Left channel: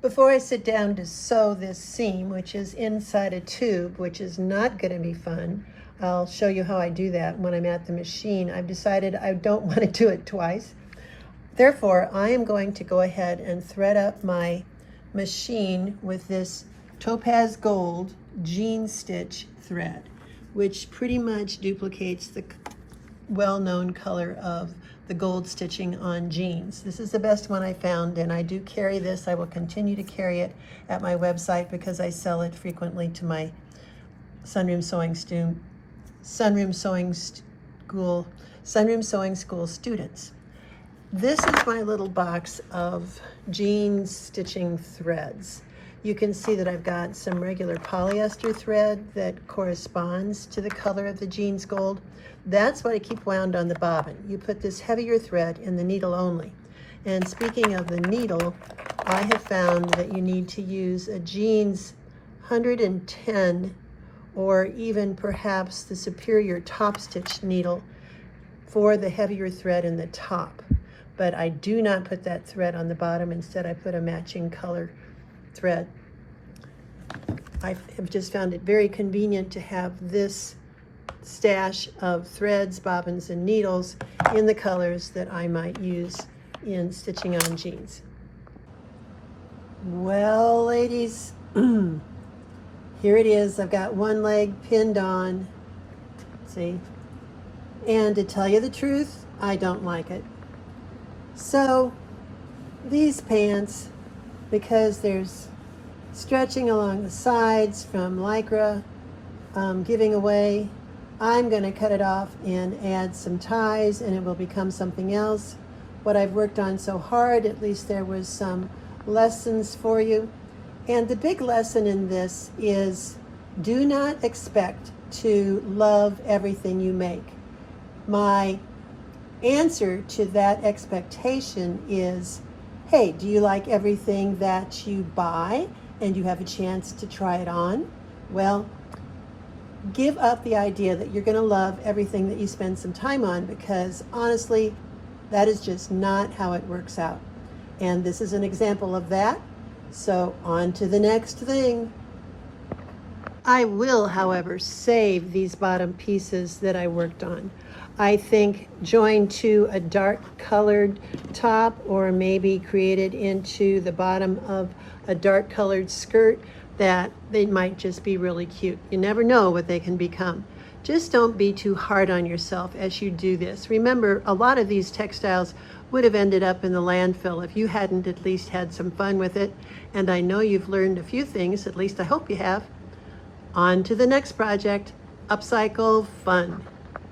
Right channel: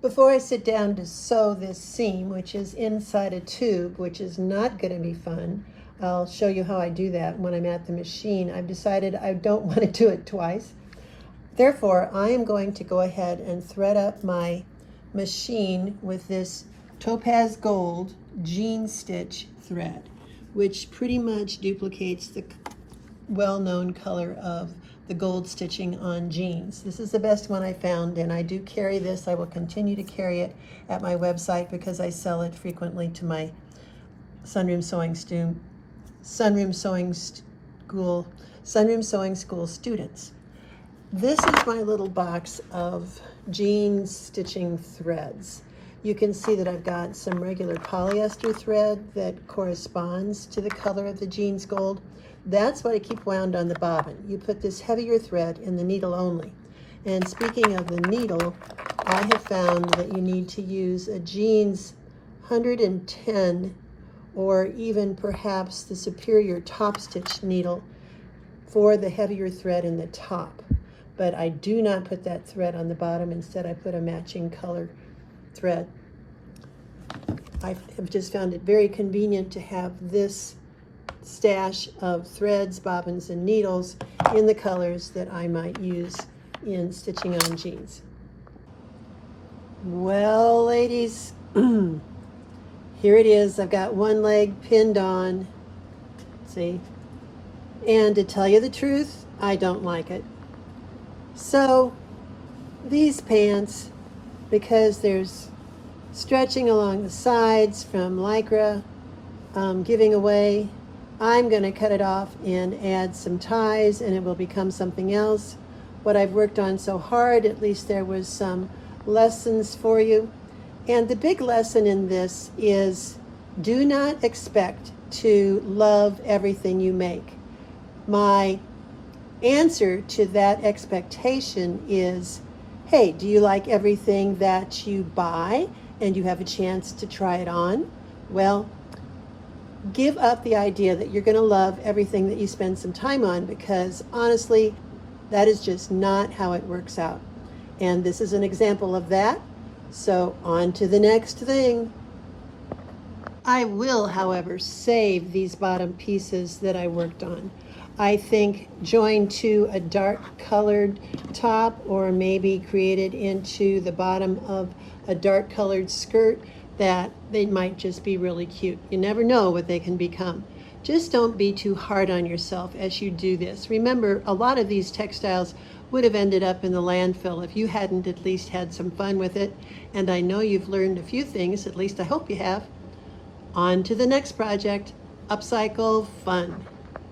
Before I sit down to sew this seam, which is inside a tube, which is not going to be fun, I'll show you how I do that when I'm at the machine. I've decided I don't want to do it twice. Therefore, I am going to go ahead and thread up my machine with this topaz gold jean stitch thread, which pretty much duplicates the well-known color of the gold stitching on jeans. This is the best one I found, and I do carry this. I will continue to carry it at my website because I sell it frequently to my Sunroom Sewing School students. This is my little box of jean stitching threads. You can see that I've got some regular polyester thread that corresponds to the color of the jeans gold. That's what I keep wound on the bobbin. You put this heavier thread in the needle only. And speaking of the needle, I have found that you need to use a jeans 110 or even perhaps the superior top stitch needle for the heavier thread in the top. But I do not put that thread on the bottom. Instead, I put a matching color thread. I have just found it very convenient to have this stash of threads, bobbins, and needles in the colors that I might use in stitching on jeans. Well, ladies, here it is. I've got one leg pinned on, see? And to tell you the truth, I don't like it. So these pants, because there's stretching along the sides from Lycra giving away, I'm going to cut it off and add some ties, and it will become something else. What I've worked on so hard, at least there was some lessons for you. And the big lesson in this is do not expect to love everything you make. My answer to that expectation is, hey, do you like everything that you buy and you have a chance to try it on? Well, give up the idea that you're going to love everything that you spend some time on, because honestly, that is just not how it works out. And this is an example of that. So on to the next thing. I will, however, save these bottom pieces that I worked on. I think joined to a dark colored top, or maybe created into the bottom of a dark colored skirt, that they might just be really cute. You never know what they can become. Just don't be too hard on yourself as you do this. Remember, a lot of these textiles would have ended up in the landfill if you hadn't at least had some fun with it. And I know you've learned a few things, at least I hope you have. On to the next project, upcycle fun.